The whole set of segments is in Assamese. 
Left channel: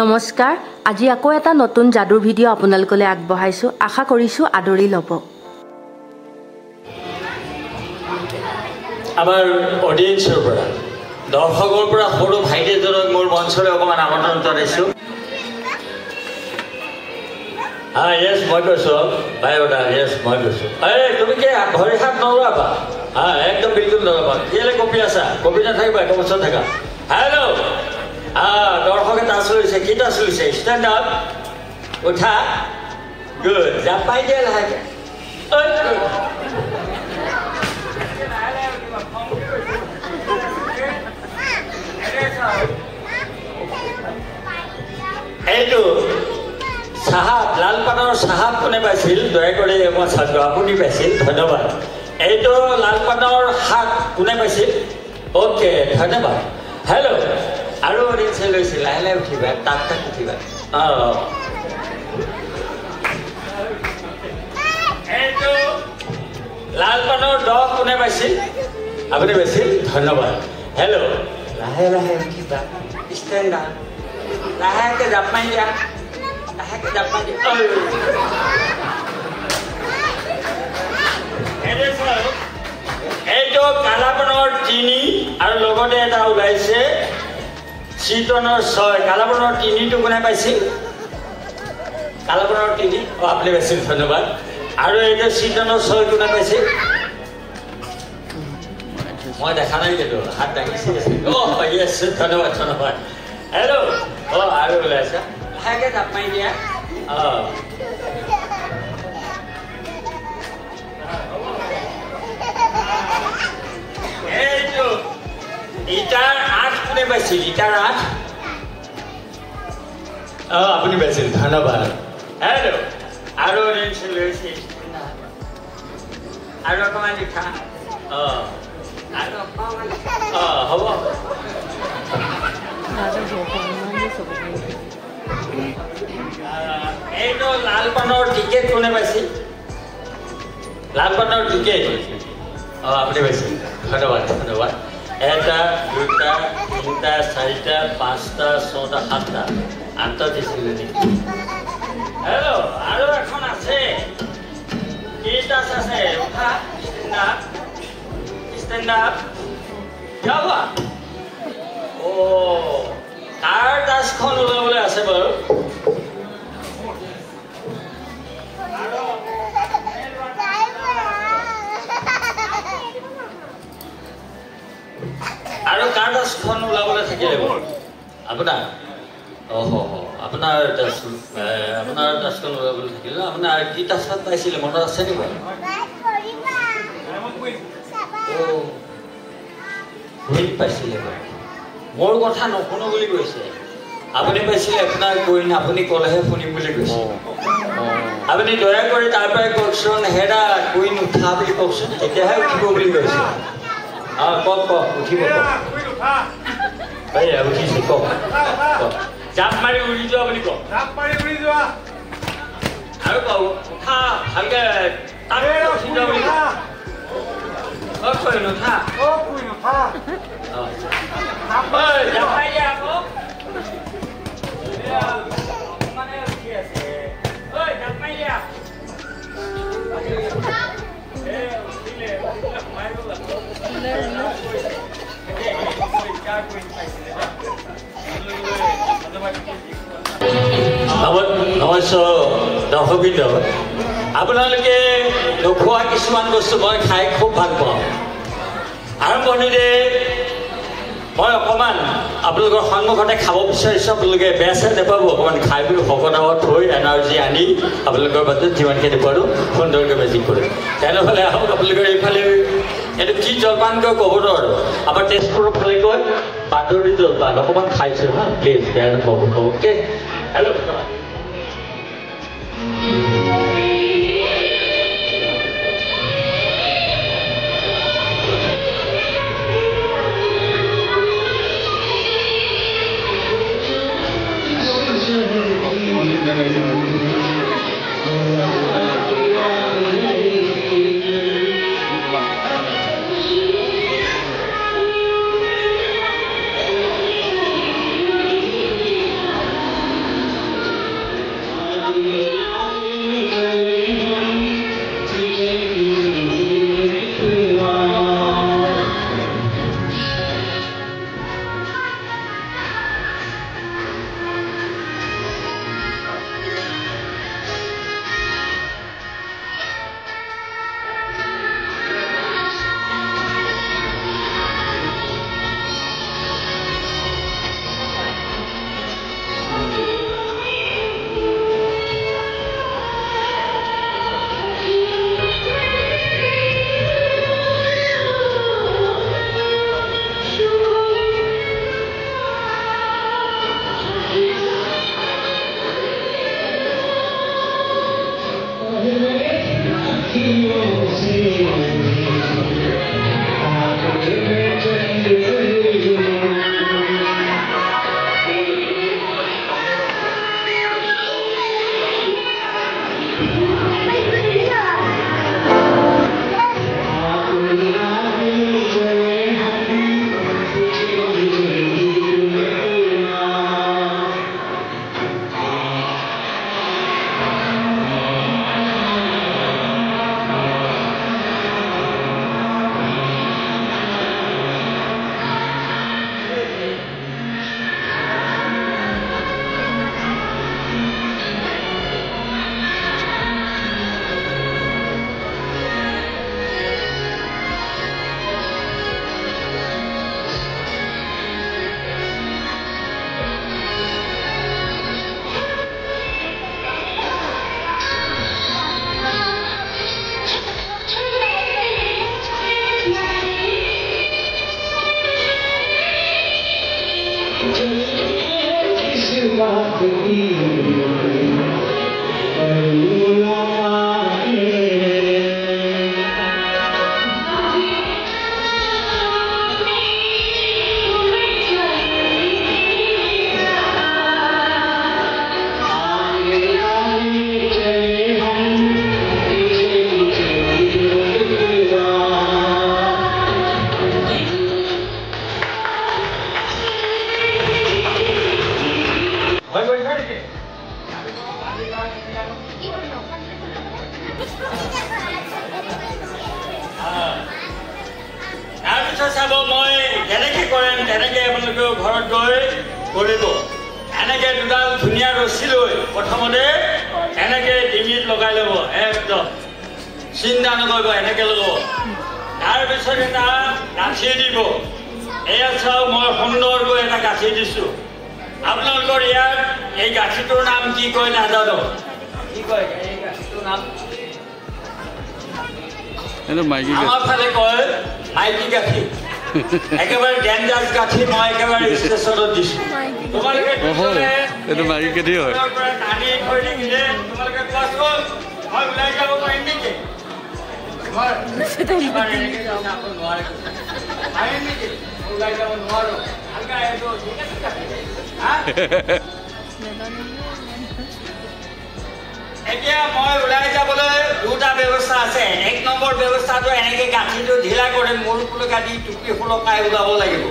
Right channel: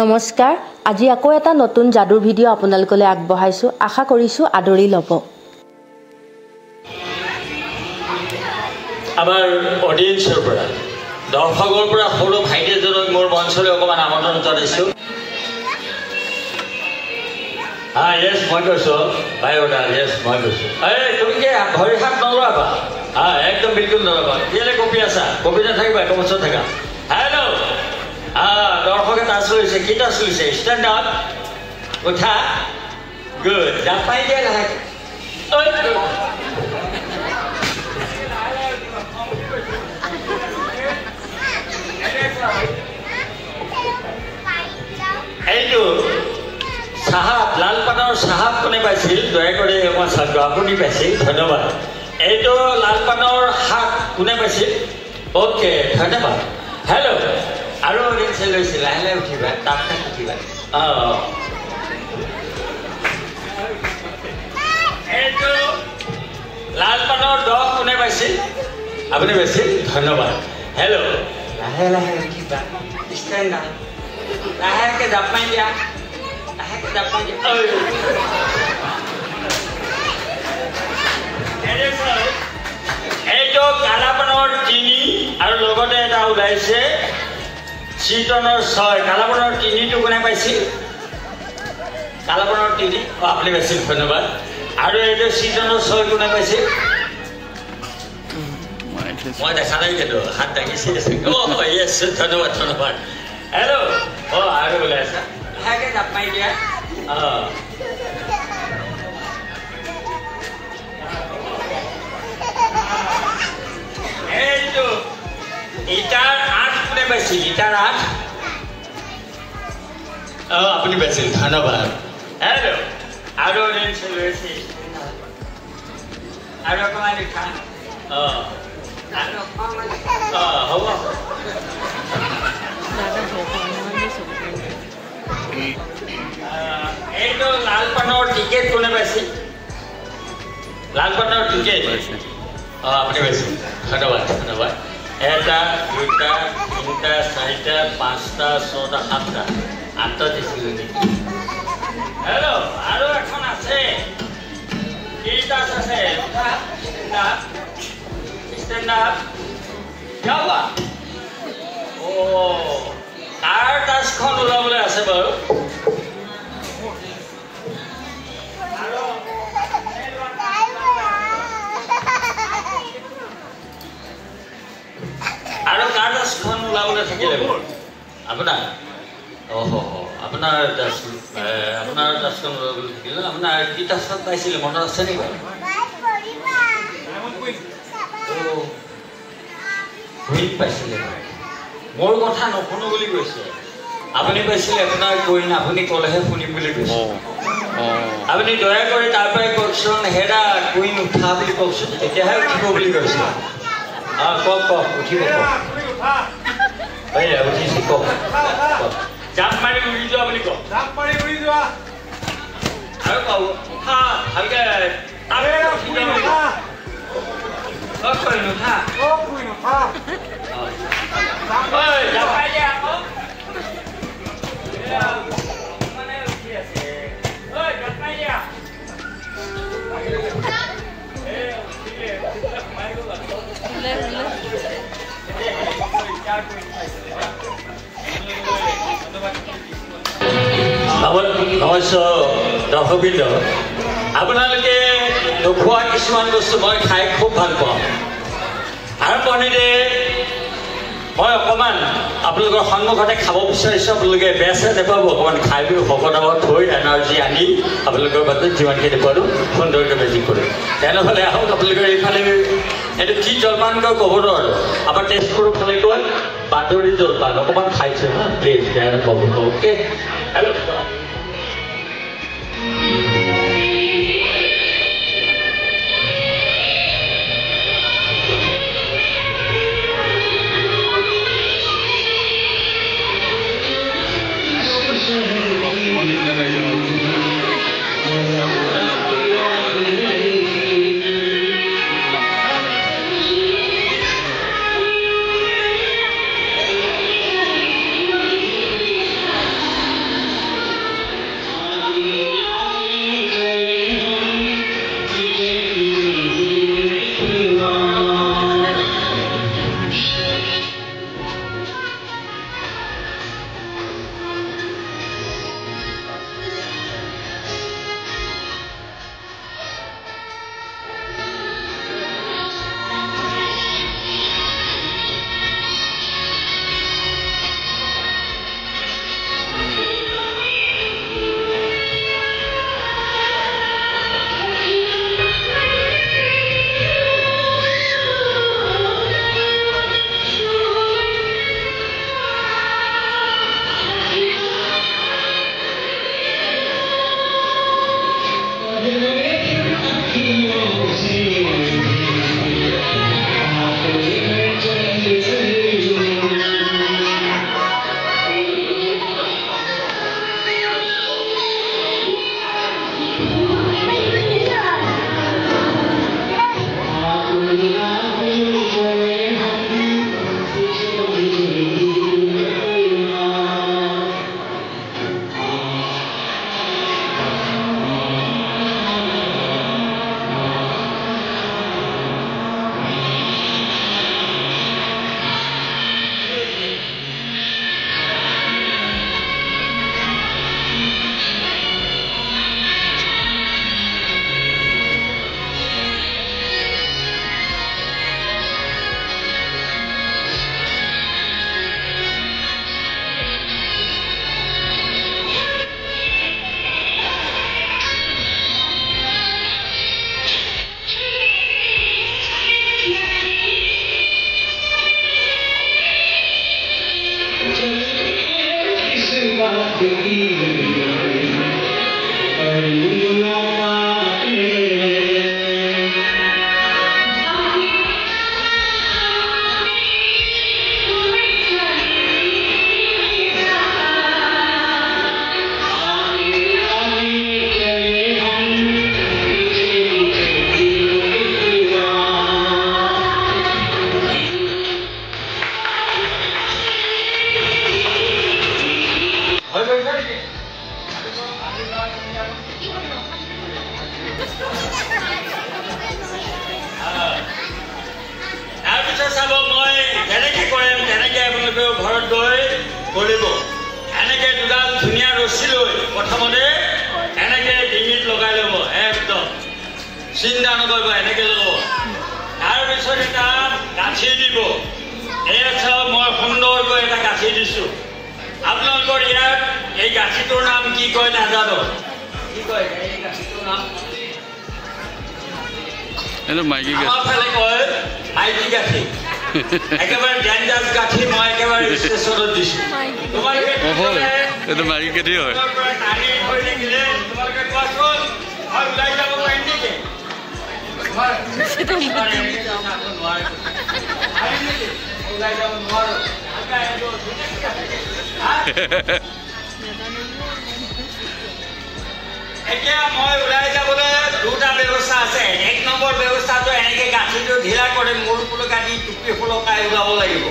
নমস্কাৰ আজি আকৌ এটা নতুন যাদুৰ ভিডিঅ' আপোনালোকলৈ আগবঢ়াইছো আশা কৰিছো আদৰি ল'ব আমাৰ অডিয়েন্সৰ পৰা দৰ্শকৰ পৰা সৰু ভাইটিজনক মোৰ মঞ্চলৈ অকমান আমন্ত্ৰণ জনাইছো yes মই কৈছো ভাই ওটা yes মই কৈছো তুমি কি ভৰি হাত নলবা একদম বিলকুল নলবা কেলে কপি আছা কপি নাথাকিবা কমচত থাকা হেল্ল' দৰ্শকে টাচ লৈছে কি টাচ লৈছে ষ্টেণ্ড আপ উঠা গুড জাপাই দিয়া লাহে এইটো সাহাব লালপানৰ সাহাব কোনে পাইছিল দয়া কৰি মই চালো আপুনি পাইছিল ধন্যবাদ এইটো লালপানৰ শাক কোনে পাইছিল অ'কে ধন্যবাদ হেল্ল' আৰু অডিয়েন্সে লৈছিল লাহে লাহে উঠিবা তাক উঠিবা এইটো লালপানৰ দহ কোনে পাইছিল আপুনি পাইছিল ধন্যবাদ হেল্ল' লাহে লাহে উঠিবা ষ্টেণ্ড আপ লাহেকে জাপ মাৰি দিয়া এইটো কালাপানৰ তিনি আৰু লগতে এটা ওলাইছে চিটনৰ 6 কালাপানৰ তিনিটো কোনে পাইছিল কালাপানৰ তিনি আপুনি পাইছিল ধন্যবাদ আৰু এইটো চিটনৰ 6 কোনে পাইছিল মই দেখা নাই কিন্তু হাত দাঙিছে য়েছ ধন্যবাদ ধন্যবাদ হেল্ল' আৰু ওলাইছে লাহেকে জাপ মাৰি দিয়া এইটো ইটাৰ 8 কোনে পাইছিল ইটাৰ 8 আপুনি পাইছিল ধন্যবাদ হেল্ল' আৰু অডিয়েন্সে লৈছে আৰু অকণমান লিখা হ'ব এইটো লালপানৰ টিকেট কোনে পাইছিল লালপানৰ টিকেট আপুনি পাইছিল ধন্যবাদ ধন্যবাদ এটা দুটা তিনিটা চাৰিটা পাঁচটা ছটা সাতটা আঠটা দিছিলে নেকি হেল্ল' আৰু এখন আছে কেইটা আছে ষ্টেণ্ড আপ যাবা তাৰ টাচখন ওলাবলৈ আছে বাৰু আৰু কাৰ টাচখন ওলাবলৈ থাকিলে আপোনাৰ আপোনাৰ টাচখন ওলাবলৈ থাকিলে আপোনাৰ কি টাচখন পাইছিলে মনত আছে নেকি বাৰু পাইছিলে মোৰ কথা নশুনো বুলি কৈছে আপুনি পাইছিলে আপোনাৰ কৈন আপুনি ক'লেহে শুনিম বুলি কৈছে আপুনি দয়া কৰি তাৰ পৰাই কওকচোন হেৰা কুইন উঠা বুলি কওকচোন তেতিয়াহে উঠিব বুলি কৈছে কওক উঠিব উঠিছে কওক জাপ মাৰি উৰি যোৱা বুলি কওক জাপ মাৰি উৰি যোৱা আৰু কওক উঠা ভালকে উঠি যোৱা বুলি কওক দৰ্শকবৃন্দ আপোনালোকে নোখোৱা কিছুমান বস্তু মই খাই খুব ভাল পাওঁ আৰম্ভণিৰে মই অকণমান আপোনালোকৰ সন্মুখতে খাব বিচাৰিছোঁ আপোনালোকে বেয়া চেয়া নাপাব অকণমান খাই পিনি ভকত আগত থৈ এনাৰ্জি আনি আপোনালোকৰ বাটত যিমানখিনি পাৰোঁ সুন্দৰকৈ বেজি কৰিম তেনেহ'লে আহক আপোনালোকৰ এইফালে এইটো কি জলপান কয় ক'ব নোৱাৰোঁ আমাৰ তেজপুৰৰ ফালে কয় বাদৰি জলপান অকণমান খাইছোঁ হা প্লিজ বেয়া নাপাব অ'কে হেল্ল' চাব মই যেনেকে কৰিম তেনেকে আপোনালোকে ঘৰত গৈ কৰিব এনেকে দুডাল ধুনীয়া ৰছী লৈ প্ৰথমতে এনেকে ডিঙিত লগাই ল'ব একদম চিন্তা নকৰিব এনেকে ল'ব তাৰপিছত এটা গাঁঠি দিব এয়া চাওক মই সুন্দৰকৈ এটা গাঁঠি দিছোঁ আপোনালোকৰ ইয়াত এই গাঁঠিটোৰ নাম কি কয় নাজানো কি কয় এই গাঁঠিটোৰ নাম আমাৰ ফালে কয় মাইকী গাঁঠি একেবাৰে ডেঞ্জাছ গাঁঠি মই একেবাৰে ষ্টেচনত দিছোঁ এইটো মাইকী গাঁঠি হয় টানি হৈ থাকিলে তোমালোকে কোৱাচোন মই ওলাই যাব পাৰিম নেকি ওলাই যাব নোৱাৰোঁ এতিয়া মই ওলাই যাবলৈ দুটা ব্যৱস্থা আছে এক নম্বৰ ব্যৱস্থাটো এনেকৈ গাঁঠিটো ঢিলা কৰি মূৰ ফুলকা দি টুপি ফুলকাই ওলাব লাগিব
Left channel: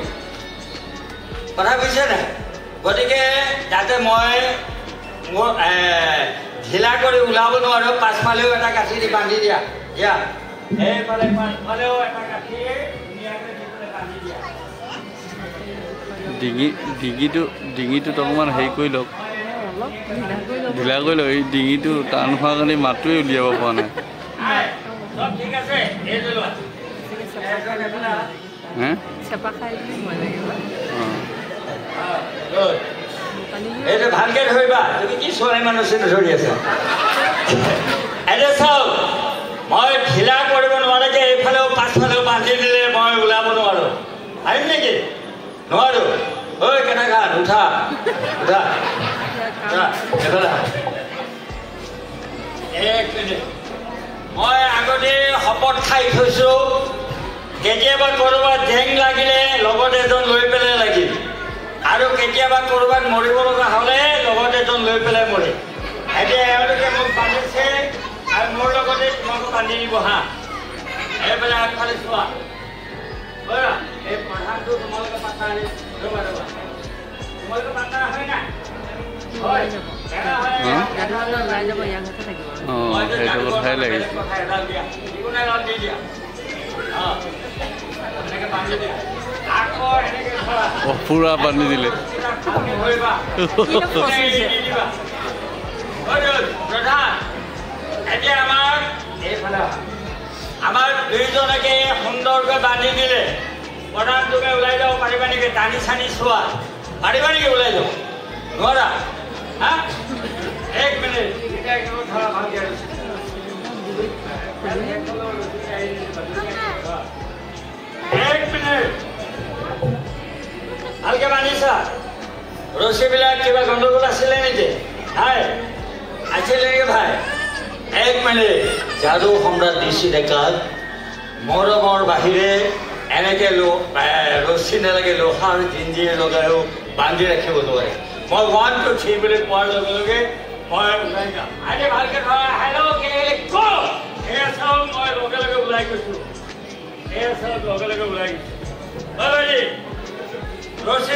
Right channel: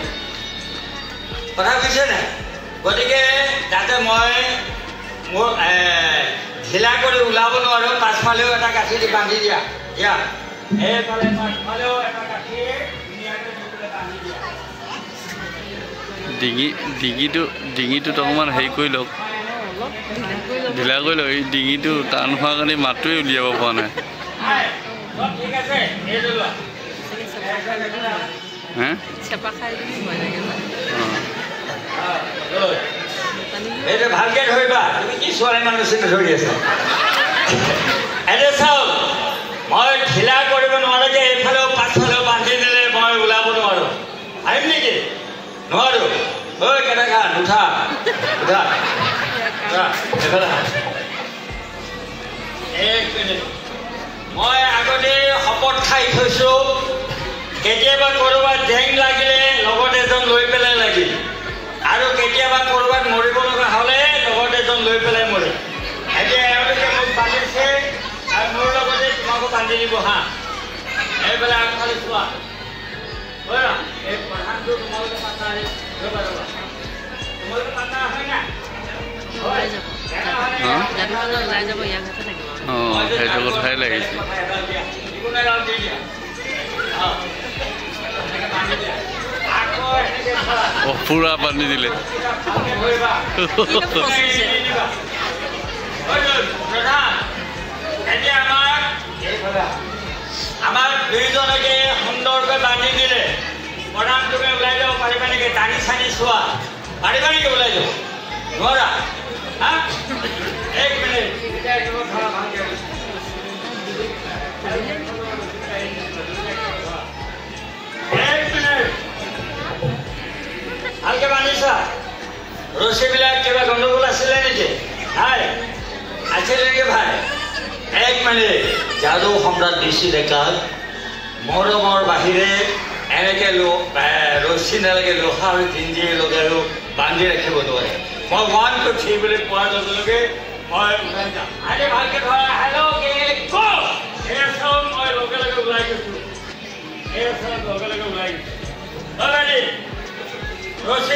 কথা বুজিছে নাই গতিকে যাতে মই মোৰ ঢিলা কৰি ওলাব নোৱাৰোঁ পাছফালেও এটা গাঁঠি দি বান্ধি দিয়া দিয়া এইফালে পাছফালেও এটা গাঁঠি ধুনীয়াকৈ বান্ধি দিয়া ডিঙিটোত অকণমান হেৰি কৰি লওক ঢিলা কৰি লওক এই ডিঙিটো টান হোৱাৰ কাৰণে মাতটোৱে উলিয়াব পৰা নাই এইটো ভালকে ধৰিবা তুমি কি ছোৱালী মানুহ চিন্তা ধৰি আছা এতিয়া চাওক মই ঢিলা কৰিব নোৱাৰাকে এইফালেও পাছফালেও বান্ধি দিলে মই ওলাব নোৱাৰোঁ আহিম নেকি নোৱাৰোঁ ঐ কেনেকা নুঠা উঠা মই আগতে শপত খাই থৈছোঁ কেতিয়াবা ক'ৰবাত জেং লাগিলে লগত এজন লৈ পেলাই লাগিল আৰু কেতিয়াবা ক'ৰবাত মৰিব লগা হ'লে লগত এজন লৈ পেলাই মৰিল এতিয়া এওঁলোকে মোক বান্ধিছে আৰু মোৰ লগতে তোমাকো বান্ধি দিব হা এইফালে আগফালে চোৱা এই প্ৰধানটো তোমালোকে পাতা ৰ'বা তোমালোকে পাতা হয় না সেইটো কথাই লাগিছে পুৰা বান্ধি দিলে আমাৰ দুইজনকে সুন্দৰকৈ বান্ধি দিলে প্ৰধান তুমি ওলাই যাব পাৰিবা নেকি টানি চানি চোৱা পাৰিবা নেকি ওলাই যাব নোৱাৰা এক মিনিট ভালকে বান্ধিছা ৰছীবিলাক কিবা গণ্ডগোল আছিলে নেকি নাই আছিলে নেকি ভাই এক মিনিট যাদু সম্ৰাট DC ডেকাক মৰমৰ বাহিৰে এনেকে ৰছী নালাগে লোহাৰ জিঞ্জিৰ লগাইও বান্ধি ৰাখিব নোৱাৰে মই 1 2 3 বুলি কোৱাৰ লগে লগে মই ওলাই যাম আজি ভালকে ধৰা হেল্ল' এয়া চাওক মই লগে লগে ওলাই গৈছোঁ এয়া চাওক লগে লগে ওলাই গৈছোঁ ৰছী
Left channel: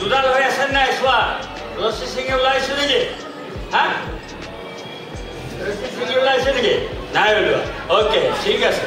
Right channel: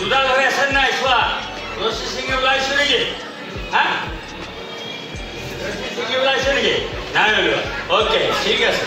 দুডাল হৈ আছে নাই চোৱা ৰছী ছিঙি ওলাইছোঁ নেকি হা ৰছী ছিঙি ওলাইছোঁ নেকি নাই ওলোৱা অ'কে ঠিক আছে